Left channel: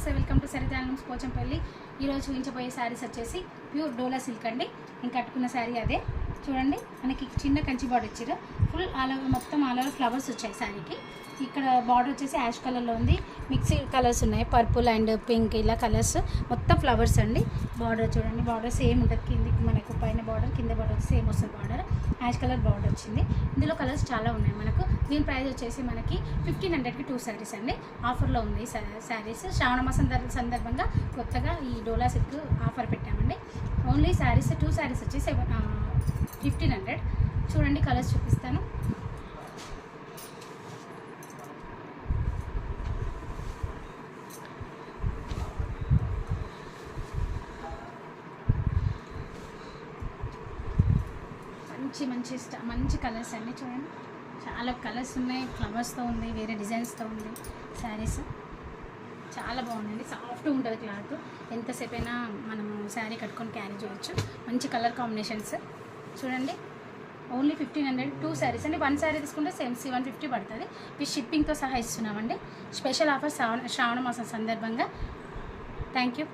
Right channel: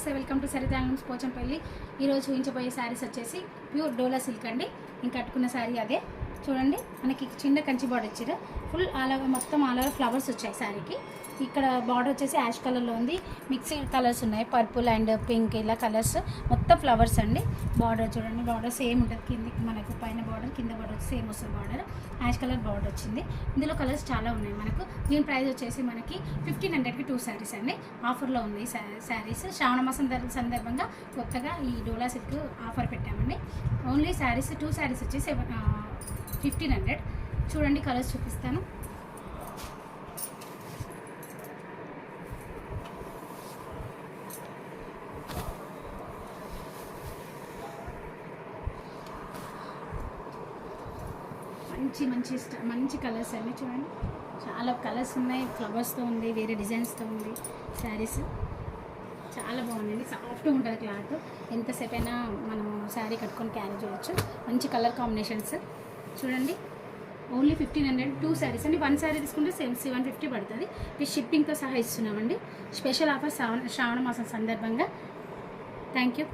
నమస్తే, welcome to Sarita albums Pochampally. ఈరోజు చూపించబోయే శారీస్ వచ్చేసి ప్యూర్ డోలా సిల్క్ అండి. నేను కట్టుకున్న శారీ అదే. చూడండి, మనకి చిన్న కంచి బార్డర్ ఇచ్చారు. ఫుల్ ఆల్ ఓవర్ మొత్తం ఆల్ ఓవర్ ఫ్లవర్స్ వచ్చాయి శారీకి. ఇక్కడ బార్డర్ వచ్చేసి యాష్ కలర్లో ఉంది. మిక్స్డ్ కలర్స్ ఉన్నాయి, పర్పుల్ అండ్ పింక్, ఇలా కలర్స్ మొత్తం ఫ్లవర్స్ అండి. బార్డర్ చూడండి, బార్డర్ సేమ్ ఉంటుంది. కిందికి మనకు పైన బార్డర్, కింద బార్డర్ సేమ్ వస్తుంది. బార్డర్ యాష్ కలర్ బార్డర్ వచ్చింది. ఇందులో కలర్స్ చాలా ఉన్నాయి మనకు. దీని ప్రైస్ వచ్చేసి మనకి 1500కి 2 శారీస్ అండి. ఆఫర్లో ఉంది శారీస్. శ్రావణ మాసం సందర్భంగా కొత్తగా ఈ డోలా సిల్క్ ఆఫర్ పెట్టామండి. ఓన్లీ శారీస్ 2 శారీస్ వచ్చేసి 1500. చూడండి, కలర్స్ చూపిస్తాను. మంచి కలర్స్ అన్నీ చూడండి. చాలా కలర్స్ ఉన్నాయి, ఫ్లవర్స్తో ఉంది, వేరే డిజైన్స్తో ఉంది. శారీస్ చాలా బాగుందండి. సాఫ్ట్గా ఉంటుంది క్లాత్. ఎంతసేపు అయినా మనము శారీ కట్టుకొని క్యారీ చేయొచ్చు. మంచి కలర్ కాంబినేషన్స్ చూడండి. ఓన్లీ 1500, 2 శారీస్ అండి. 1 శారీ తీసుకుంటే సేమ్ 750 పడుతుంది. ఈ షిప్పింగ్తో సహా ఇస్తున్నామండి. స్పెషల్ ఆఫర్ శ్రావణ మాసం సందర్భంగా. Thank you.